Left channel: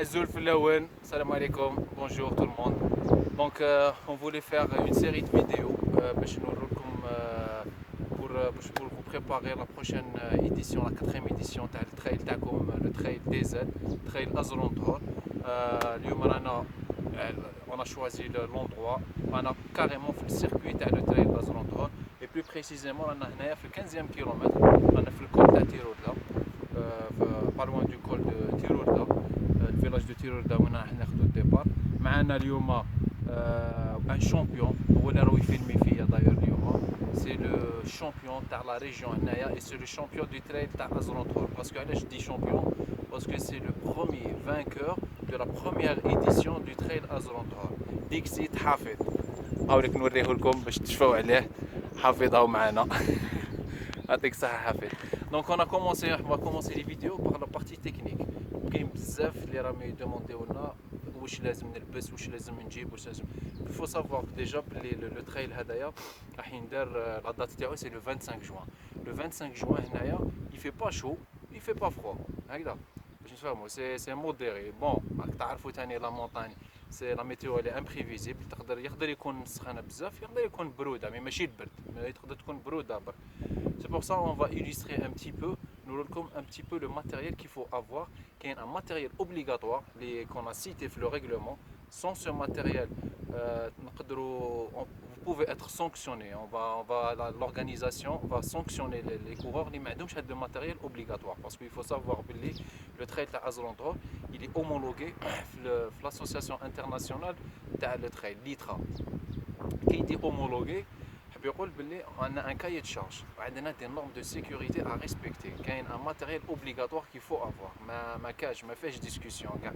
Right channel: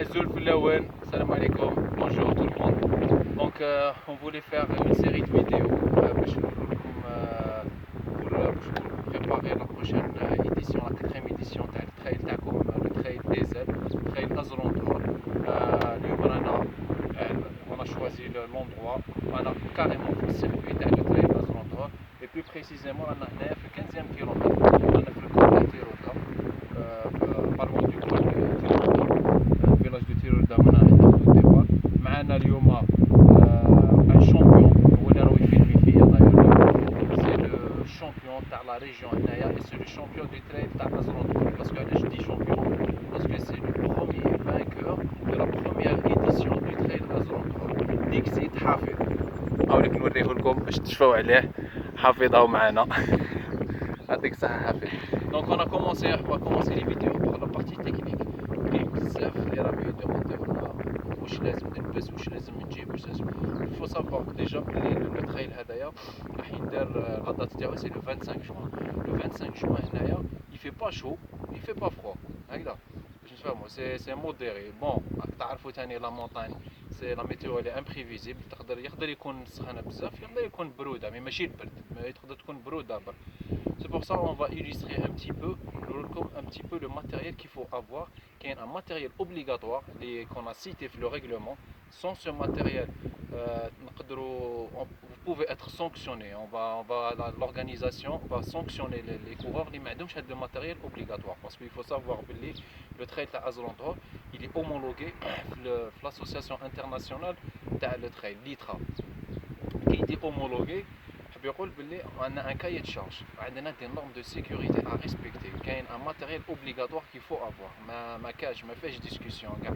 Azul Flawen, salam alaikum, bonjour tout le monde. Donc on voulait faire une série de vidéos pour préparer la prochaine édition, la quatrième édition تاع التريل تاعكم le trail DZ, trail Azrontor. اليوم رانا on a choisi l'endroit, رانا carrément في السيركوي تاع le trail Azrontor et plus précisément رانا هنايا في 15e كيلومتر رانا في الكول تاع تيرولدا pas loin du col de Tirolda, village de Tirolda من راح ناخذ الديبار. معنا اليوم ان شامبيون هو اللي راهو يفيلمي فيا داير سي لو شامبيون تاع لا ريجيون هنايا et c'est le champion du trail تاع Azrontor. Parce que علاش دي شامبيون parce que c'est le premier vainqueur de la première édition du trail Azrontor. ديكسيت حافظ نحاول نوريه لكم باش تشفاو عليه. حافظ هاو معنا يعطيك الصحة حافظ. Donc on va commencer les vidéos par la partie technique. كاين بزاف اللي راهم يدومونديو لنا واش لازم نلبس واش لازم نجيب واش لازم. Il faut savoir déjà بلي لو تريل هذايا راح يندار لا دات تاعو سي لو 25 جوان. لو 25 جوان هنايا il fait pas chaud, il fait pas froid. هكذا باش نفهموا سي موديري. بون راك تعرفوا ثاني لا مونطاgne سي لا ميتيو اللي امبريفيزيبل. يقدر يكون سخانه بزاف يقدر يكون بروده مي ماشي البرد ما تقدر تكون بروده برك. C'est pour ça on va illustrer un petit peu le matériel qu'il faut avoir, qui est un matériel obligatoire qu'on a cité dans le règlement. Sans ce matériel, vous pouvez être sanctionné. L'organisation va sanctionner les coureurs qui n'ont pas de matériel obligatoire. Parce qu'il faut savoir que le trail à Azrontor, il est homologué dans l'association internationale de trail, l'ITRA. Qui est homologué, بيقول باللي عندنا ان كايي de charge, عندنا des normes de sécurité à respecter, كاين un matériel obligatoire qu'il faut avoir. ما كاش ما فيهش discussion كاع.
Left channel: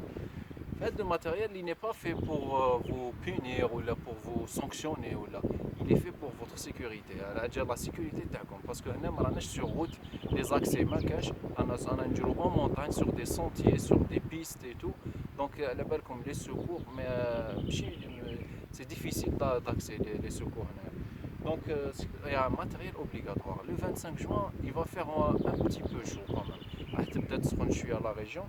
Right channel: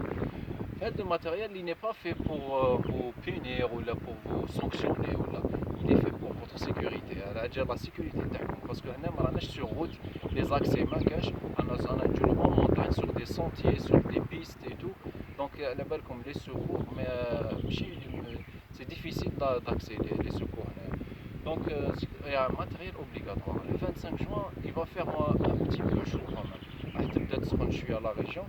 هذا الماتيريال اللي n'est pas fait pour vous punir ou pour vous sanctionner ولا il est fait pour votre sécurité. على جال la sécurité تاعكم باسكو هنا ما راناش sur route, les accès ما كاش. انا نديرو en montagne sur des sentiers, sur des pistes et tout. Donc على بالكم les secours ماشي c'est difficile d'accès les secours هنا. Donc il y a un matériel obligatoire. Le 25 juin, il va faire un petit peu chaud quand même. Peut-être que je suis à la région,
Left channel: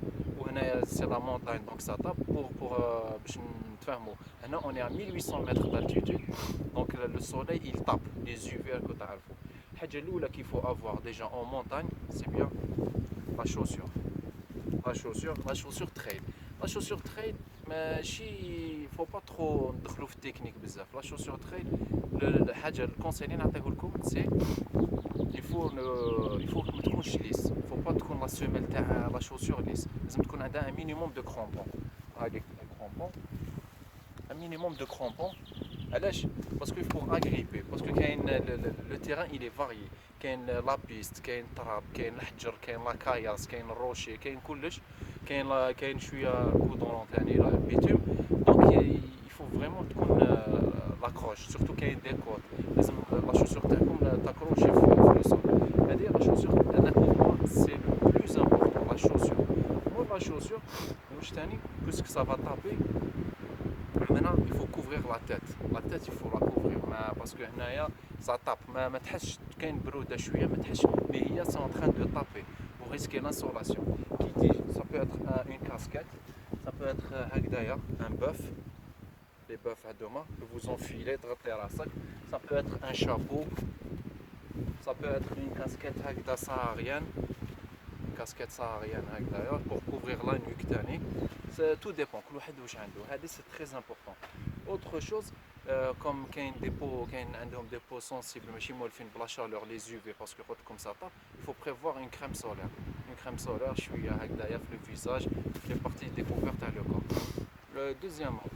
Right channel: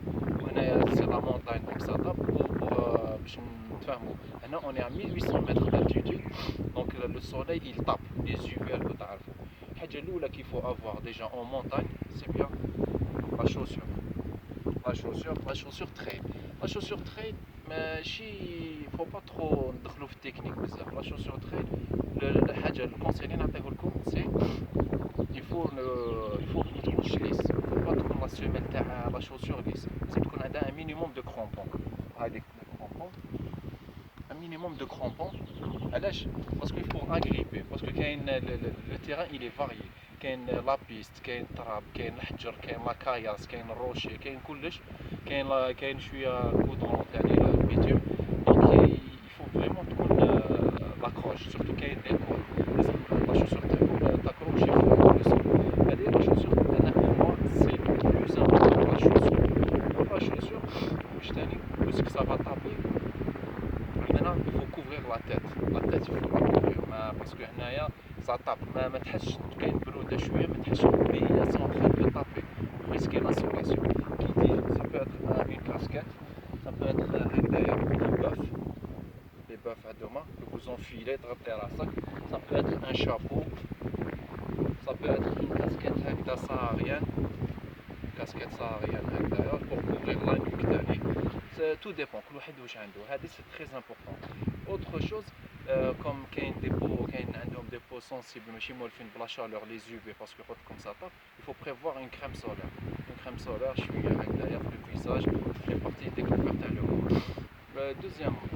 c'est la montagne, donc ça tape Là, on est à 1800 mètres d'altitude, donc le soleil il tape les UV que tu as. الحاجة qu'il faut avoir déjà en montagne, c'est bien la chaussure. La chaussure trail. La chaussure trail, mais il ne faut pas trop ندخلوا في التكنيك بزاف. La chaussure trail, الحاجة الكونسيل اللي نعطيه لكم سي il faut ما تكونش ليس. Il faut pas تكون لا سيميل تاع la chaussure ليس. لازم تكون عندها un minimum de crampons. هذيك crampons. Un minimum de crampons. علاش؟ parce qu'il faut agripper. parce que كاين le terrain il est varié. كاين لا بيست، كاين التراب، كاين الحجر، كاين لا كاياس، كاين الروشي، كاين كلش. كاين شويه كودرون ثاني البيتوم. دونك يفو فريمون تكون لاكروش سورتو كاين دي كول لازم لا شوسور تاعكم تاكروشي في السول. هذه لا شوسور انا بور سي بلوز امبورطون. لا شوسور لا شوسور واش ثاني باسكو سا فا تابي. Maintenant il faut couvrir la tête il faut la couvrir parce que هنايا ça tape ما تحسش كاين برودة شوية ما تحسش mais هي c'est en train de taper pour risquer l'insolation. Qui dit ça peut être une casquette, ça peut être هكذايا un bœuf, les bœufs à deux mains que vous enfilez تغطي راسك. ça peut être un chapeau, ça peut être une casquette هكذا saharienne, casquette saharienne هكذايا pour couvrir la nuque ثاني. Tout dépend كل واحد واش عنده. هذه c'est très important. Autre chose comme كاين des peaux كاين عندهم des peaux sensibles ماشي مولفين بلا chaleur les UV parce que comme ça tape. Il faut prévoir une crème solaire. Une crème solaire شويه هكذايا في le visage, les parties découvertes تاع le corps. Deuxièmement,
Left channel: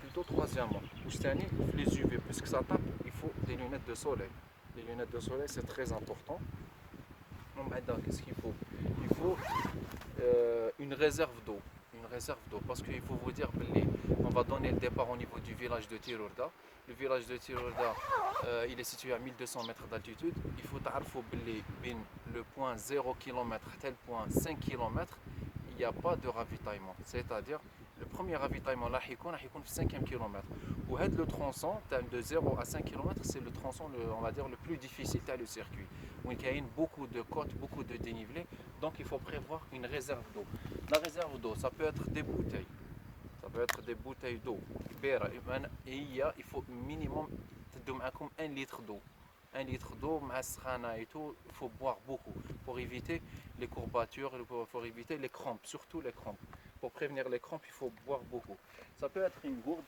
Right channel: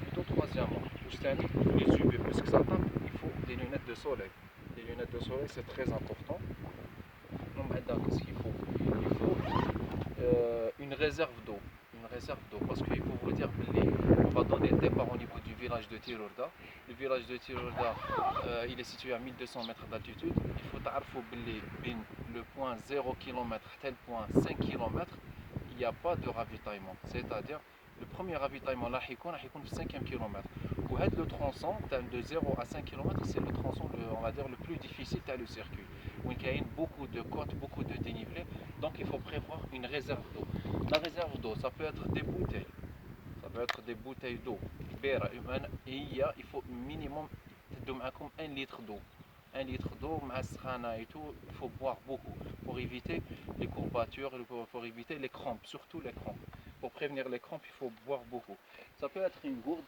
plutôt troisièmement, واش ثاني les UV parce que ça tape, il faut des lunettes de soleil. Les lunettes de soleil c'est très important. Qu'est-ce qu'il faut? Il faut une réserve d'eau. Parce qu'il faut vous dire on va donner le départ au niveau du village de Tirolda. Le village de Tirolda il est situé à 1200 mètres d'altitude. Il faut تعرفوا باللي بين le point 0 km tel point 5 km il n'y a pas de ravitaillement. C'est-à-dire le premier ravitaillement راح يكون في 5e kilomètre. وهذا le tronçon de 0 à 5 km c'est le tronçon on va dire le plus difficile تاع le circuit. où il y a beaucoup de côtes, beaucoup de dénivelé. Donc il faut prévoir une réserve d'eau. La réserve d'eau, ça peut être des bouteilles. Ça peut être des bouteilles d'eau. Et il faut minimum 1 litre d'eau. 1 litre d'eau, et tout, il faut boire beaucoup pour éviter les courbatures, pour éviter les crampes, surtout les crampes. Pour prévenir les crampes, il faut boire beaucoup. Ça peut être une gourde.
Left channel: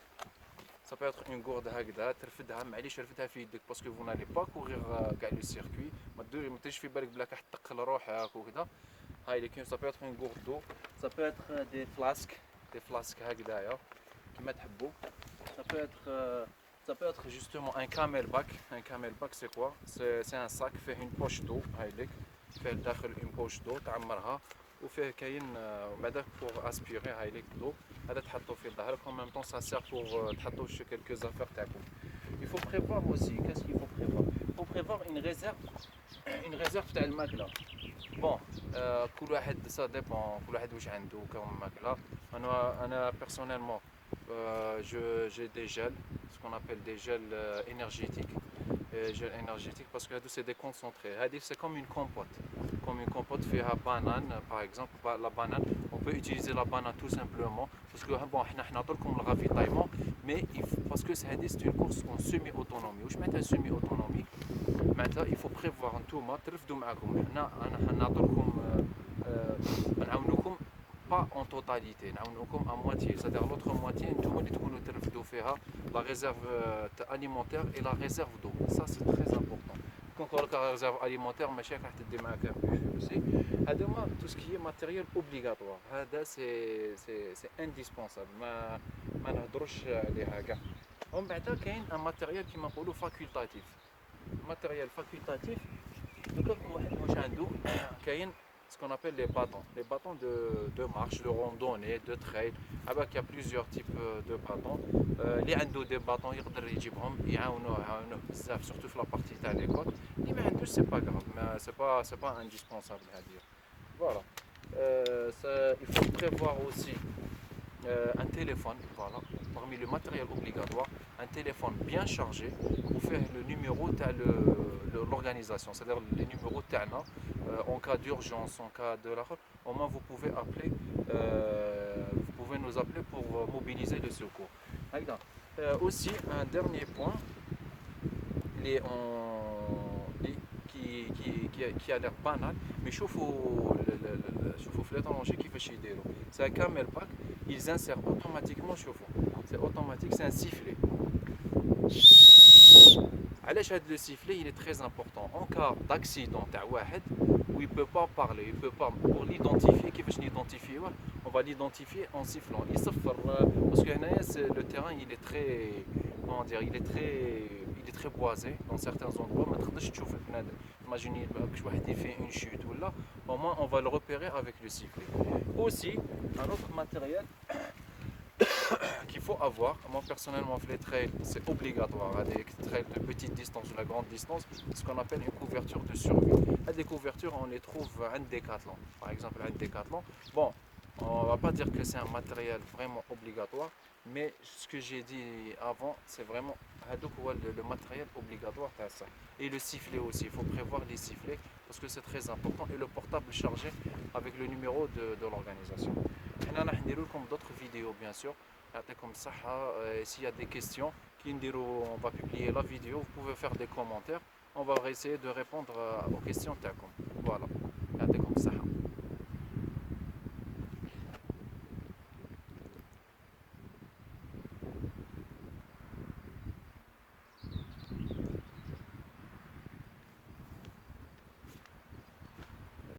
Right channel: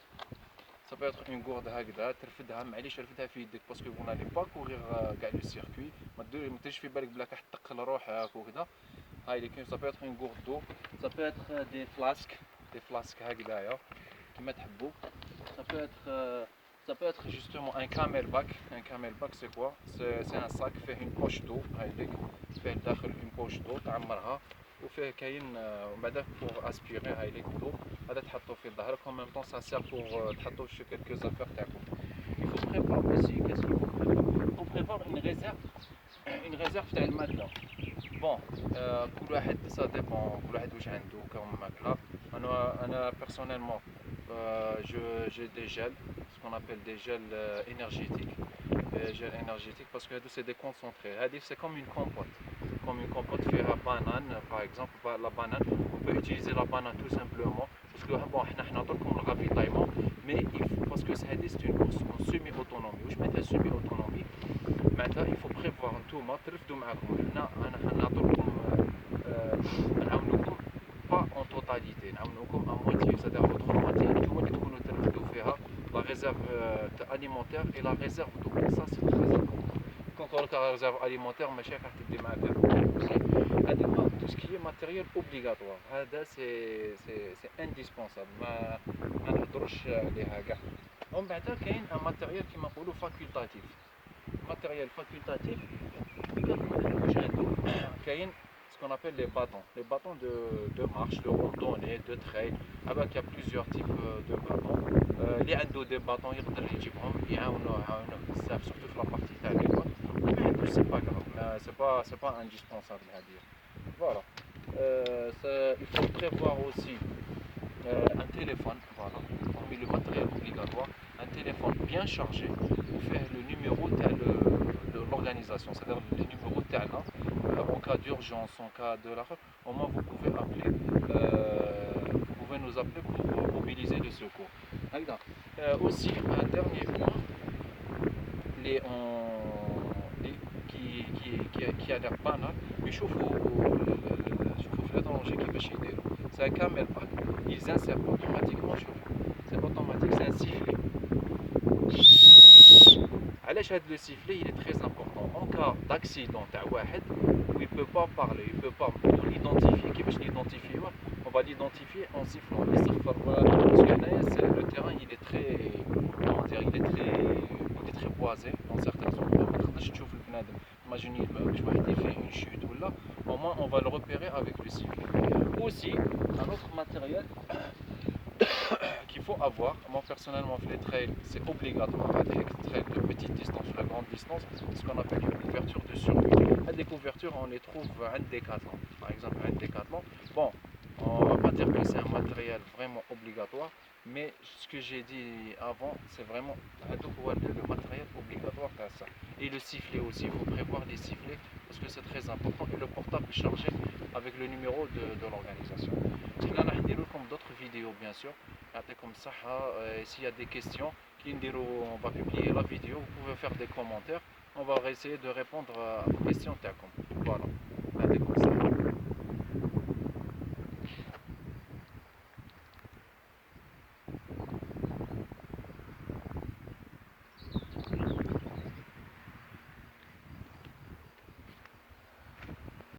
Ça peut être une gourde هكذا ترفدها معليش رفدها في يدك باسكو vous n'allez pas courir كاع لو سيركوي ما تديرش في بالك بلاك راح تثقل روحك وكذا هاي اللي كاين. ça peut être une gourde d'eau, ça peut être des flasques هكذايا كيما تحبوا. ça peut être justement un camelback. Un camelback c'est quoi? C'est un sac fait une poche d'eau هايليك فيه داخل une poche d'eau تعمرها وفيه كاين بعدا pour aspirer هايليك d'eau. هذا تحطوا في ظهرك en même temps ça sert pour تحطوا شي quelques affaires تاعكم. Il faut prévoir aussi, qu'est-ce qu'il faut prévoir? Il faut prévoir une réserve تاع الماكله. Bon, كل واحد ça dépend كل واحد واش عنده كم ماكله. انا personnellement j'ai des gels, ce qu'on appelle des gels énergétiques. Gels énergétiques parce que c'est des concentrés. C'est comme une compote. Comme une compote fait à banane, par exemple. La banane, on peut utiliser la banane tout simplement. Parce que bon, on a comme le ravitaillement, mais parce que c'est une course en semi-autonomie. Je mets semi-autonomie. Maintenant, il faut prévoir un tout. Pas en totalité, à moitié, c'est-à-dire votre moitié, la réserve alimentaire et la réserve d'eau. Ça, c'est très important. Quand on a la réserve alimentaire, ma chère, tout ce qui est matériel obligatoire, c'est indispensable. ما نهضروش عليها كاع. ومن بعد كاين un matériel كيما نقولوا facultatif. Matériel facultatif, واش عنده كاين ce qu'on appelle les bâtons de marche, de randonnée, de trail. Il y a plusieurs types de bâtons. اللي عنده des bâtons يقدر يجيبهم يعاونوه بزاف surtout في la partie تاع l'école. Mais ما عندوش c'est pas grave, c'est pas indispensable à dire. Voilà. Il faut prévoir aussi un téléphone, voilà, parmi le matériel obligatoire, un téléphone bien chargé pour faire le numéro de l'organisation, c'est-à-dire les numéros TANA, en cas d'urgence, en cas de l'arrêt, au moins vous pouvez nous appeler pour mobiliser les secours. Aussi, un dernier point, qui a l'air banal, mais شوفوا في l'étranger كيفاش يديروا. C'est un camelback, ils insèrent automatiquement, c'est automatique, c'est un sifflet. علاش هذا le sifflet il est très important en cas d'accident تاع واحد où il peut pas parler, il peut pas, pour l'identifier كيفاش نيدونتيفيوه on va l'identifier en sifflant يصفر parce que هنايا le terrain il est très comment dire il est très boisé dans certains endroits ما تقدرش تشوف البنادم. Imaginez que واحد يفيه une chute ولا au moins on va le repérer avec le sifflet. Aussi un autre matériel qu'il faut avoir, moi personnellement les trails c'est obligatoire, les trails de petite distance ou de grande distance, c'est ce qu'on appelle une couverture de survie. Des couvertures on les trouve à un Décathlon, par exemple un Décathlon. Bon, on va pas dire que c'est un matériel vraiment obligatoire, mais ce que j'ai dit avant, c'est vraiment le matériel obligatoire à ça. Et le sifflet aussi, il faut prévoir les sifflets parce que c'est très important, et le portable chargé avec le numéro de l'organisation. Là, on a d'autres vidéos bien sûr. Comme ça, s'il y a des questions, on va publier la vidéo, vous pouvez faire des commentaires, on va essayer de répondre aux questions. Voilà, comme ça.